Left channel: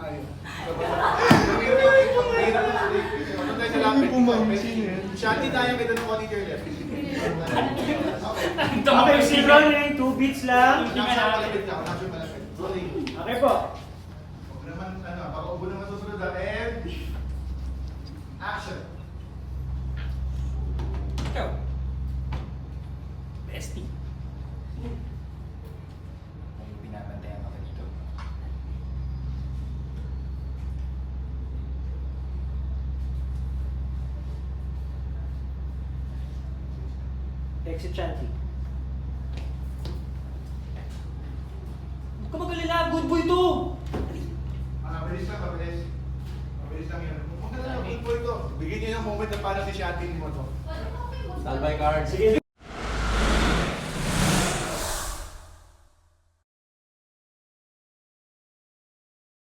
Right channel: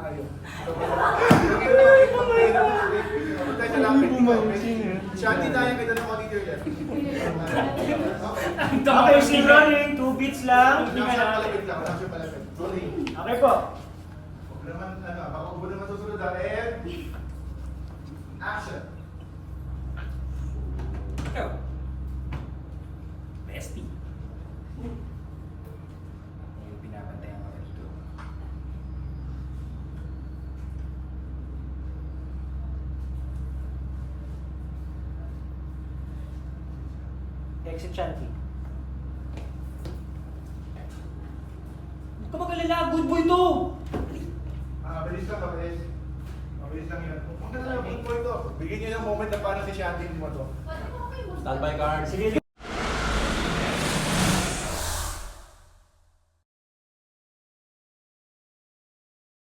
tayo. Matutay sa lapit dito, okay? Shanty tayo, kita ng konti to your left. Ito mo kayo sigaw niya yung 2 beats lang. Malapit lang, malapit. Rolling. Okay po. Huwag naman, baka huwag naman susunod and action. Ikaw. Bestie. May pinapantayan ka dito. Exit Shanty. Huwag ka mag-alala, good boy to! Mabilis lang, mabilis. Mabilis lang yun. Huwag na lang, good boy to. Bigyan niyo yung moment na paano si Shanty mo to. Standby card. Sige.